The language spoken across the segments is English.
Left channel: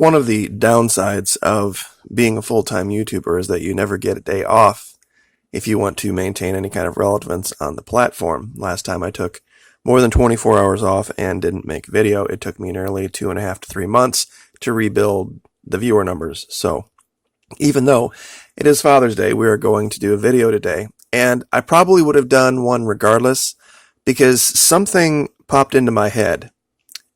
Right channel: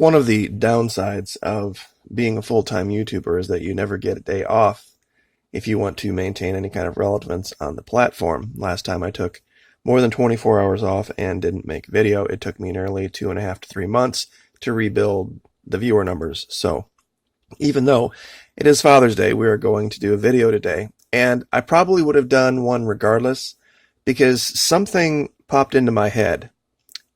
One of the downsides of being a full-time YouTuber is that you never get a day off if you want to maintain any kind of relevance on the platform. Last time I took more than 24 hours off and didn't make a video. It took me nearly 2.5 to 3 months to rebuild the viewer numbers. So even though it is Father's Day, we are going to do a video today. And I probably would have done one regardless because something popped into my head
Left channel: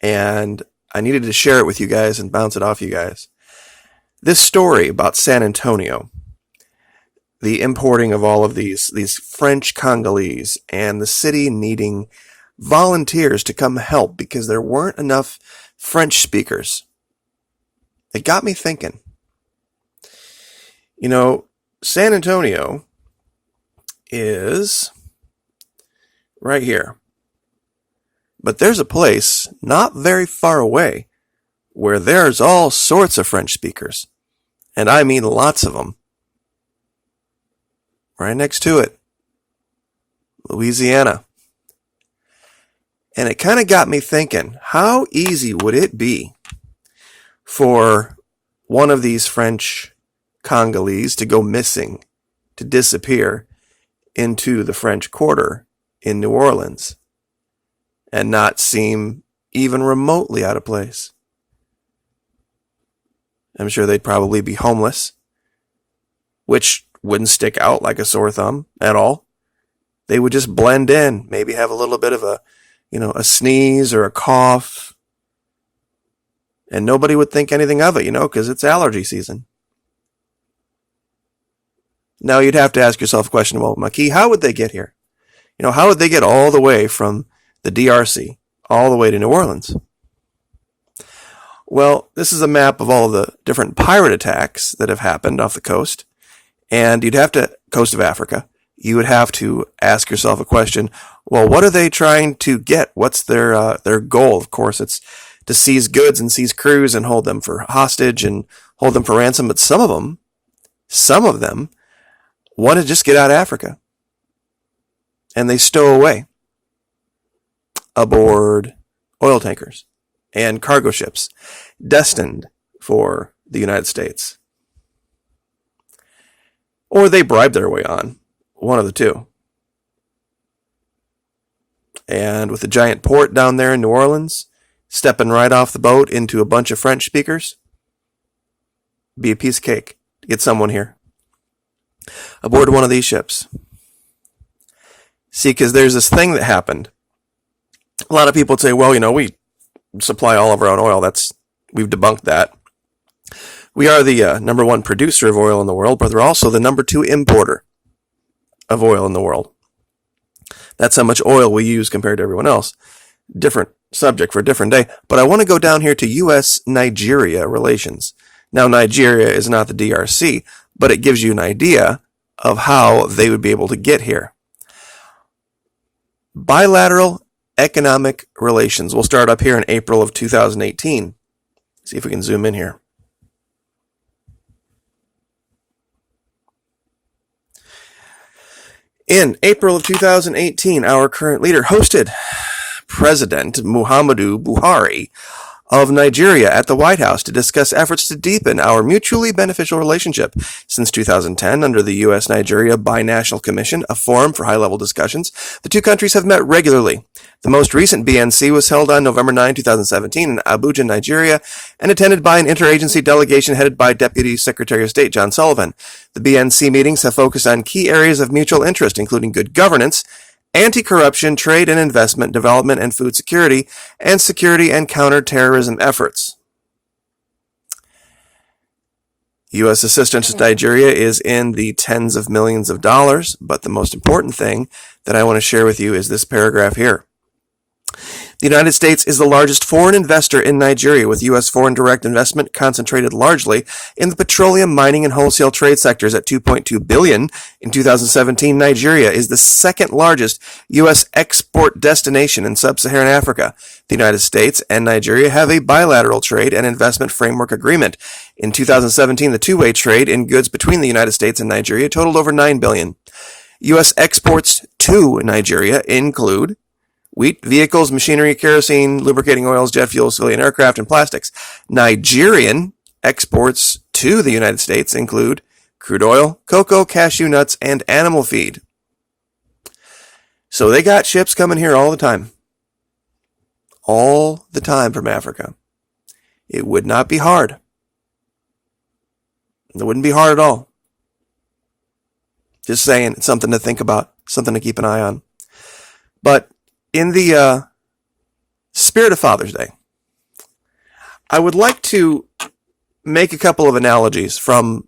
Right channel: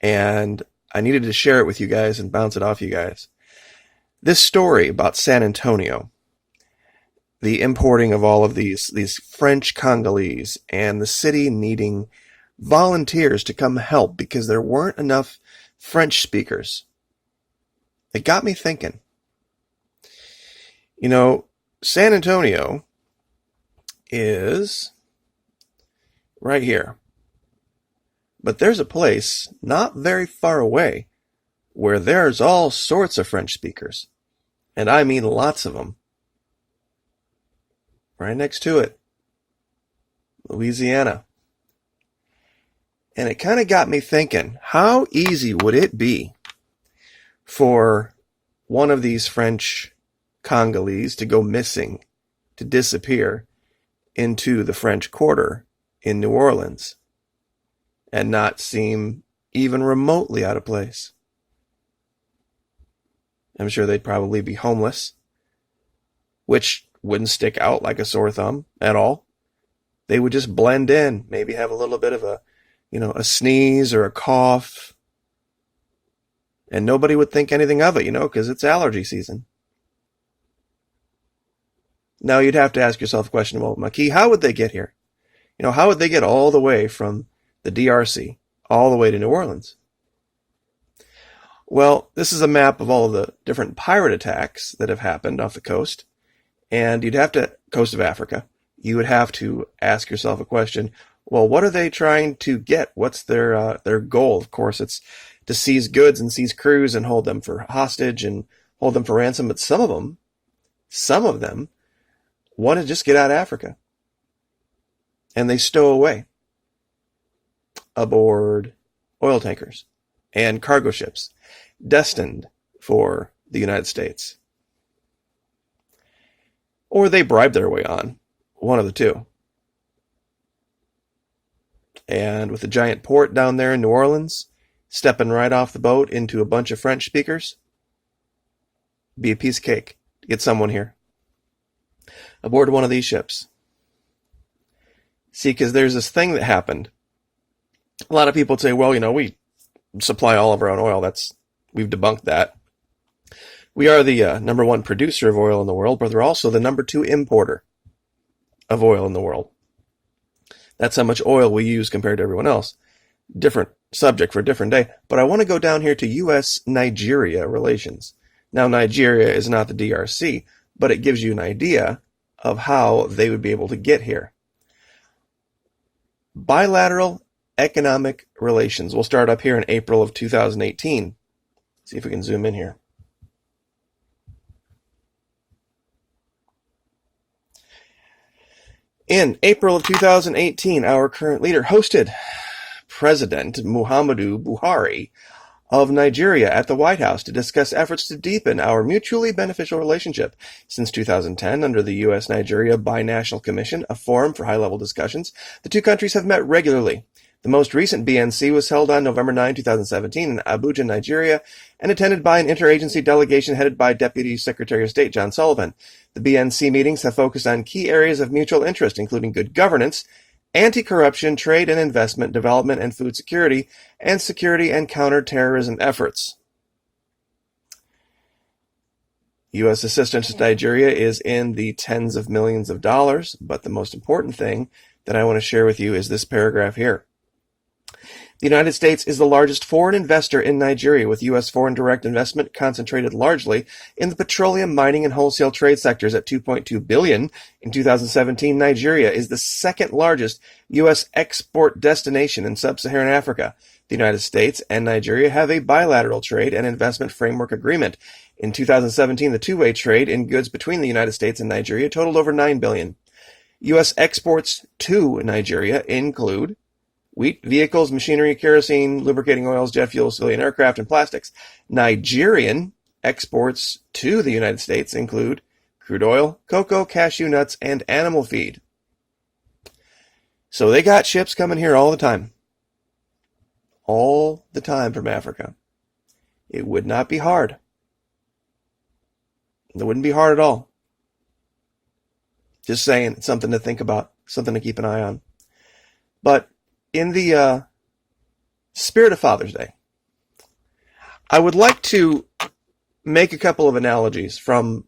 and I needed to share it with you guys and bounce it off you guys. This story about San Antonio, the importing of all of these French Congolese, and the city needing volunteers to come help because there weren't enough French speakers. It got me thinking. You know, San Antonio is right here. But there's a place not very far away where there's all sorts of French speakers. And I mean lots of them. Right next to it. Louisiana. And it kind of got me thinking, how easy would it be for one of these French Congolese to go missing, to disappear into the French Quarter in New Orleans and not seem even remotely out of place? I'm sure they'd probably be homeless, which wouldn't stick out like a sore thumb at all. They would just blend in, maybe have a little bit of a sneeze or a cough, and nobody would think anything of it, because it's allergy season. Now you'd have to ask yourself a question, well, Maki, how would they get here? How would they get all the way from the DRC all the way to New Orleans? Well, this is a map of all of the different pirate attacks that have happened off the coast, and coast of Africa. You would have to ask yourself a question, well, what are they trying to get? What's their goal? Of course, it's to seize goods and seize crews and hold them for hostage and hold them for ransom, but some of them want to just get out of Africa. And they stow away aboard oil tankers and cargo ships destined for the United States. Or they bribe their way on, one of the two. And with a giant port down there in New Orleans, stepping right off the boat into a bunch of French speakers, be a piece of cake to get someone here aboard one of these ships. See, because there's this thing that happened. A lot of people would say, well, we supply all of our own oil. We've debunked that. We are the number one producer of oil in the world, but we're also the number two importer of oil in the world. That's how much oil we use compared to everyone else. Different subject for a different day. But I want to go down here to U.S.-Nigeria relations. Now, Nigeria is not the DRC, but it gives you an idea of how they would be able to get here. Bilateral economic relations. We'll start up here in April of 2018. See if we can zoom in here. In April of 2018, our current leader hosted President Muhammadu Buhari of Nigeria at the White House to discuss efforts to deepen our mutually beneficial relationship. Since 2010, under the U.S.-Nigeria Binational Commission, a forum for high-level discussions, the two countries have met regularly. The most recent BNC was held on November 9, 2017 in Abuja, Nigeria, and attended by an interagency delegation headed by Deputy Secretary of State John Sullivan. The BNC meetings have focused on key areas of mutual interest, including good governance, anti-corruption, trade and investment, development and food security and counter-terrorism efforts. U.S. assistance to Nigeria is in the tens of millions of dollars, but the most important thing that I want to share with you is this paragraph here. The United States is the largest foreign investor in Nigeria, with U.S. foreign direct investment concentrated largely in the petroleum, mining, and wholesale trade sectors at $2.2 billion. In 2017, Nigeria is the second largest U.S. export destination in sub-Saharan Africa. The United States and Nigeria have a bilateral trade and investment framework agreement. In 2017, the two-way trade in goods between the United States and Nigeria totaled over $9 billion. U.S. exports to Nigeria include wheat, vehicles, machinery, kerosene, lubricating oils, jet fuel, civilian aircraft, and plastics. Nigerian exports to the United States include crude oil, cocoa, cashew nuts, and animal feed. So they got ships coming here all the time. All the time from Africa. It would not be hard. It wouldn't be hard at all. Just saying, it's something to think about, something to keep an eye on. But in the spirit of Father's Day, I would like to make a couple of analogies from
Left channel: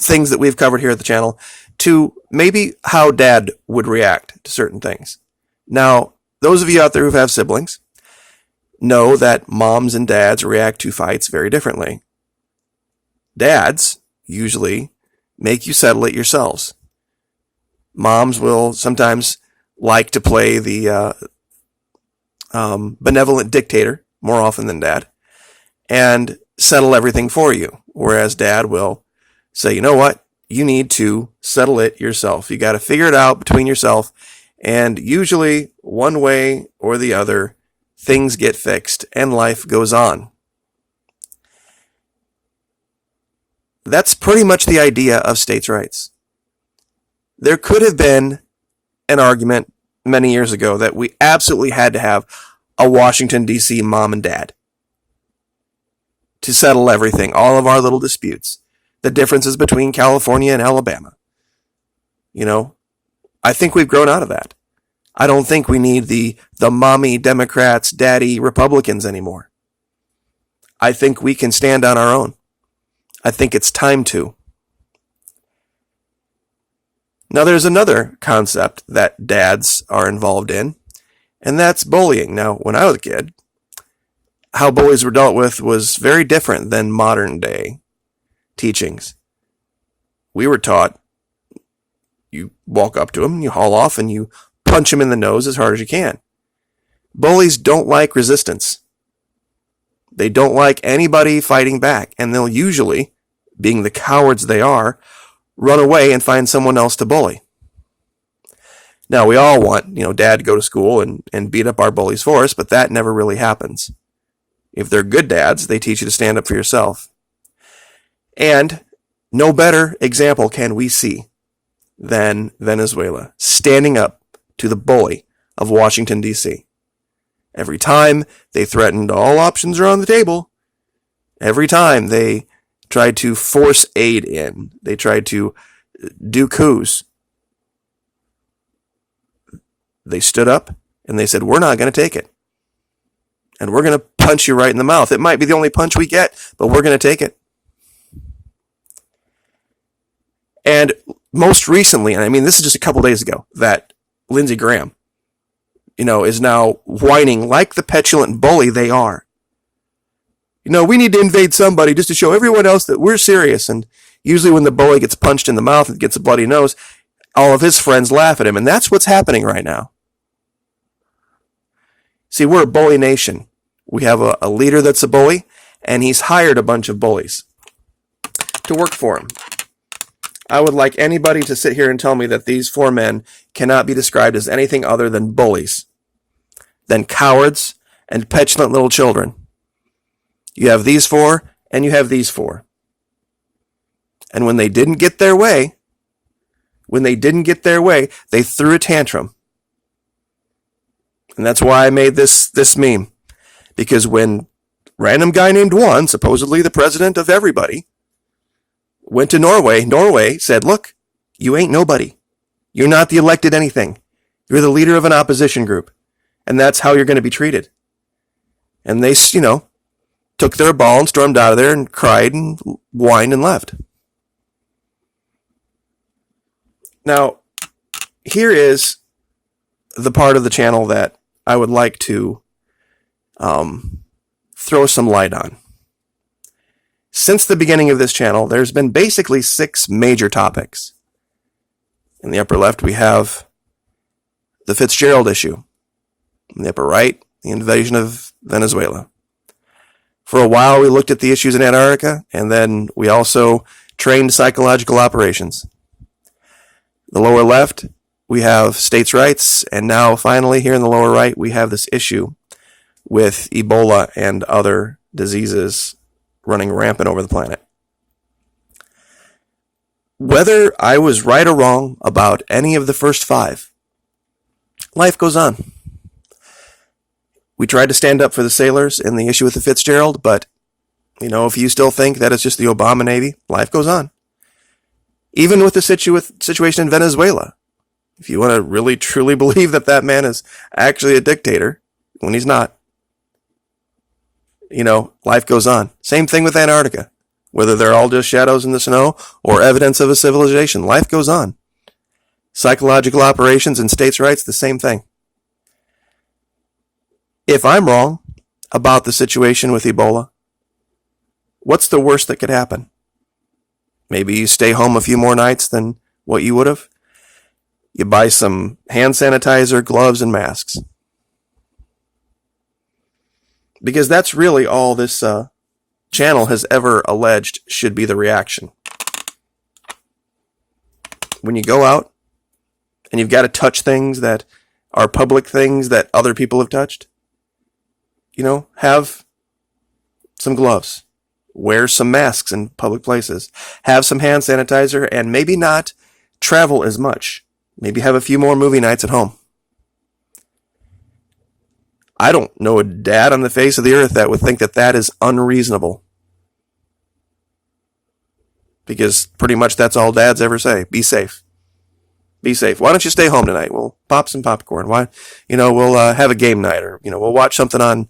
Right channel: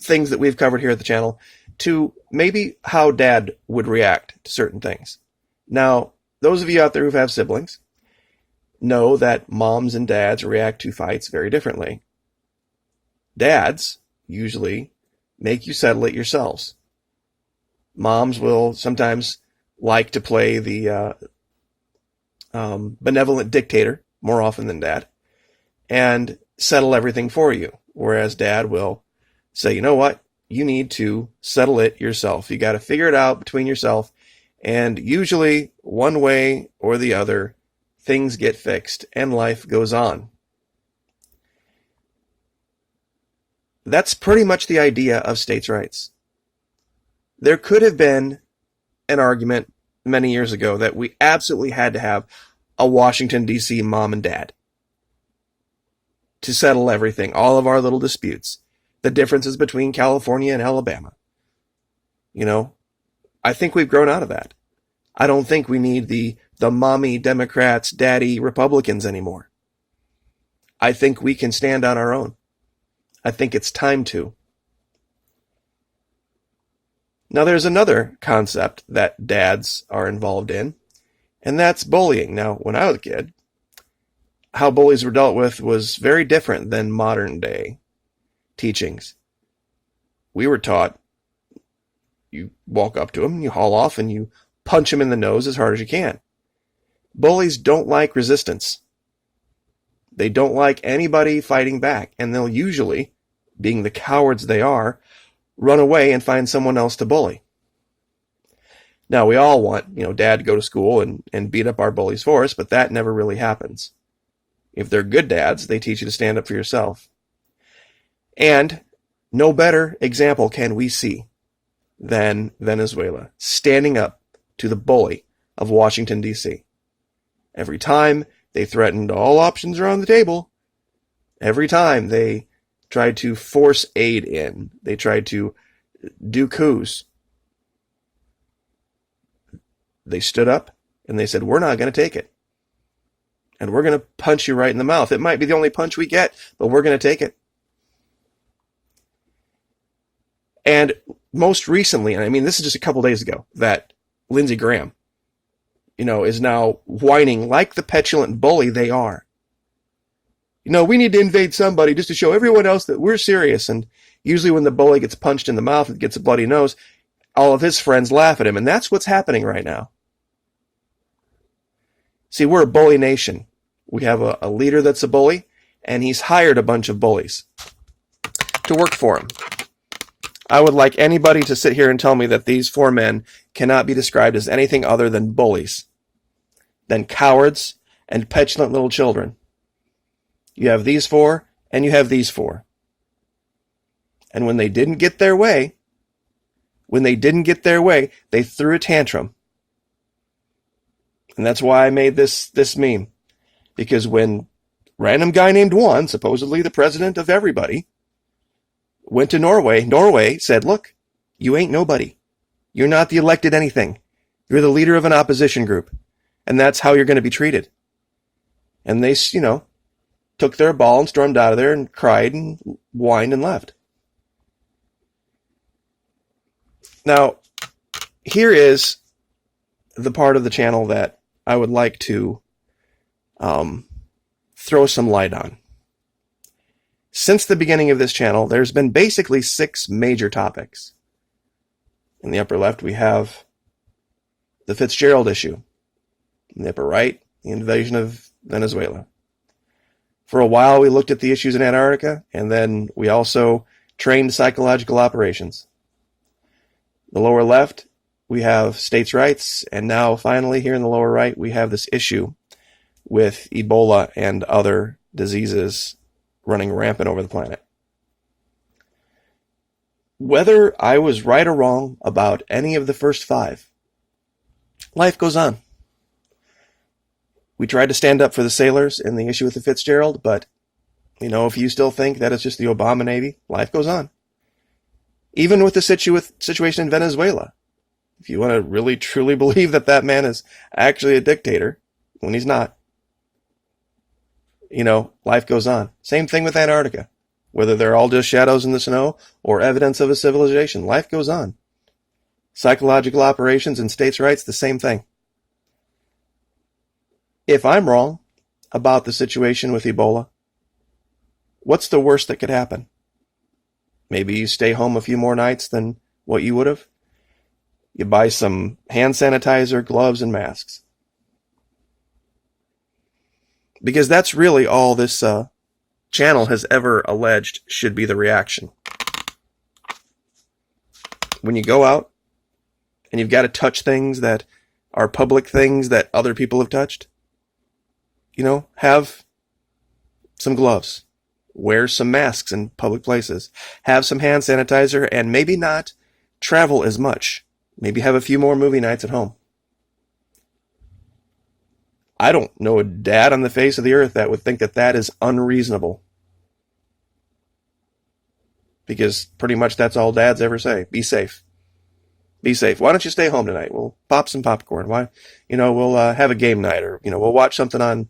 things that we've covered here at the channel to maybe how Dad would react to certain things. Now, those of you out there who have siblings know that moms and dads react to fights very differently. Dads usually make you settle it yourselves. Moms will sometimes like to play the benevolent dictator more often than Dad and settle everything for you, whereas Dad will say, you know what, you need to settle it yourself. You got to figure it out between yourself, and usually one way or the other, things get fixed and life goes on. That's pretty much the idea of states' rights. There could have been an argument many years ago that we absolutely had to have a Washington, D.C. mom and dad to settle everything, all of our little disputes, the differences between California and Alabama. You know, I think we've grown out of that. I don't think we need the mommy Democrats, daddy Republicans anymore. I think we can stand on our own. I think it's time to. Now, there's another concept that dads are involved in, and that's bullying. Now, when I was a kid, how bullies were dealt with was very different than modern day teachings. We were taught you walk up to him, you haul off, and you punch him in the nose as hard as you can. Bullies don't like resistance. They don't like anybody fighting back, and they'll usually, being the cowards they are, run away and find someone else to bully. Now, we all want, Dad to go to school and beat up our bullies for us, but that never really happens. If they're good dads, they teach you to stand up for yourself. And no better example can we see than Venezuela standing up to the bully of Washington, D.C. Every time they threatened all options are on the table, every time they tried to force aid in, they tried to do coups, they stood up and they said, we're not going to take it. And we're going to punch you right in the mouth. It might be the only punch we get, but we're going to take it. And most recently, and I mean, this is just a couple days ago, that Lindsey Graham, is now whining like the petulant bully they are. We need to invade somebody just to show everyone else that we're serious. And usually when the bully gets punched in the mouth and gets a bloody nose, all of his friends laugh at him. And that's what's happening right now. See, we're a bully nation. We have a leader that's a bully, and he's hired a bunch of bullies to work for him. I would like anybody to sit here and tell me that these four men cannot be described as anything other than bullies, than cowards and petulant little children. You have these four, and you have these four. And when they didn't get their way, they threw a tantrum. And that's why I made this meme. Because when random guy named Juan, supposedly the president of everybody, went to Norway said, look, you ain't nobody. You're not the elected anything. You're the leader of an opposition group. And that's how you're going to be treated. And they, took their ball and stormed out of there and cried and whined and left. Now, here is the part of the channel that I would like to throw some light on. Since the beginning of this channel, there's been basically 6 major topics. In the upper left, we have the Fitzgerald issue. In the upper right, the invasion of Venezuela. For a while, we looked at the issues in Antarctica, and then we also trained psychological operations. The lower left, we have states' rights, and now finally here in the lower right, we have this issue with Ebola and other diseases running rampant over the planet. Whether I was right or wrong about any of the first 5, life goes on. We tried to stand up for the sailors in the issue with the Fitzgerald, but, if you still think that it's just the Obama Navy, life goes on. Even with the situation in Venezuela, if you want to really truly believe that that man is actually a dictator, when he's not, life goes on. Same thing with Antarctica. Whether they're all just shadows in the snow or evidence of a civilization, life goes on. Psychological operations and states' rights, the same thing. If I'm wrong about the situation with Ebola, what's the worst that could happen? Maybe you stay home a few more nights than what you would have. You buy some hand sanitizer, gloves, and masks. Because that's really all this channel has ever alleged should be the reaction. When you go out and you've got to touch things that are public things that other people have touched, have some gloves. Wear some masks in public places. Have some hand sanitizer, and maybe not travel as much. Maybe have a few more movie nights at home. I don't know a dad on the face of the earth that would think that that is unreasonable. Because pretty much that's all dads ever say. Be safe. Be safe. Why don't you stay home tonight? We'll pop some popcorn. Why? We'll have a game night, or we'll watch something on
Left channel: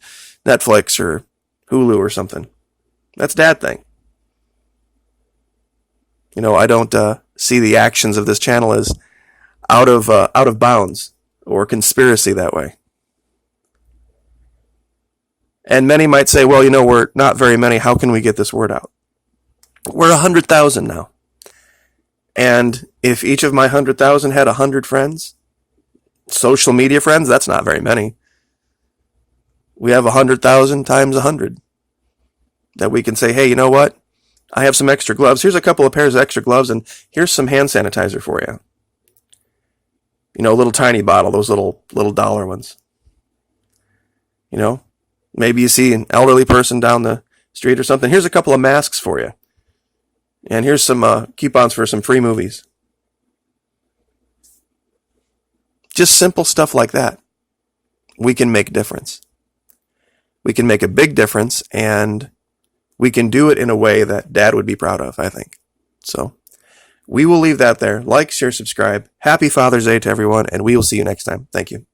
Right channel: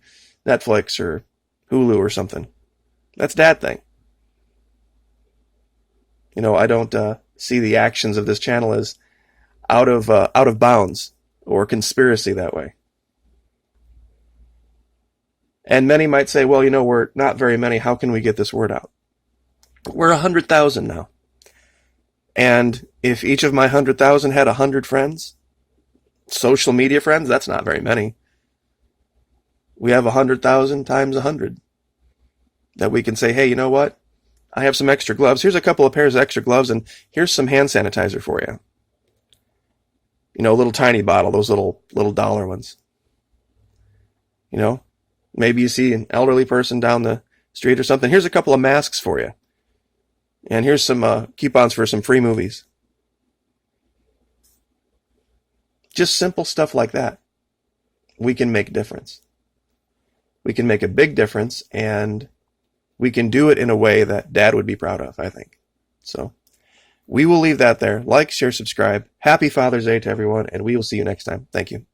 Netflix or Hulu or something. That's dad thing. I don't see the actions of this channel as out of bounds or conspiracy that way. And many might say, well, we're not very many. How can we get this word out? We're 100,000 now. And if each of my 100,000 had 100 friends, social media friends, that's not very many. We have 100,000 times 100. That we can say, hey, you know what? I have some extra gloves. Here's a couple of pairs of extra gloves, and here's some hand sanitizer for you. A little tiny bottle, those little dollar ones. Maybe you see an elderly person down the street or something. Here's a couple of masks for you. And here's some coupons for some free movies. Just simple stuff like that. We can make a difference. We can make a big difference, and we can do it in a way that Dad would be proud of, I think. So, we will leave that there. Like, share, subscribe. Happy Father's Day to everyone, and we will see you next time. Thank you.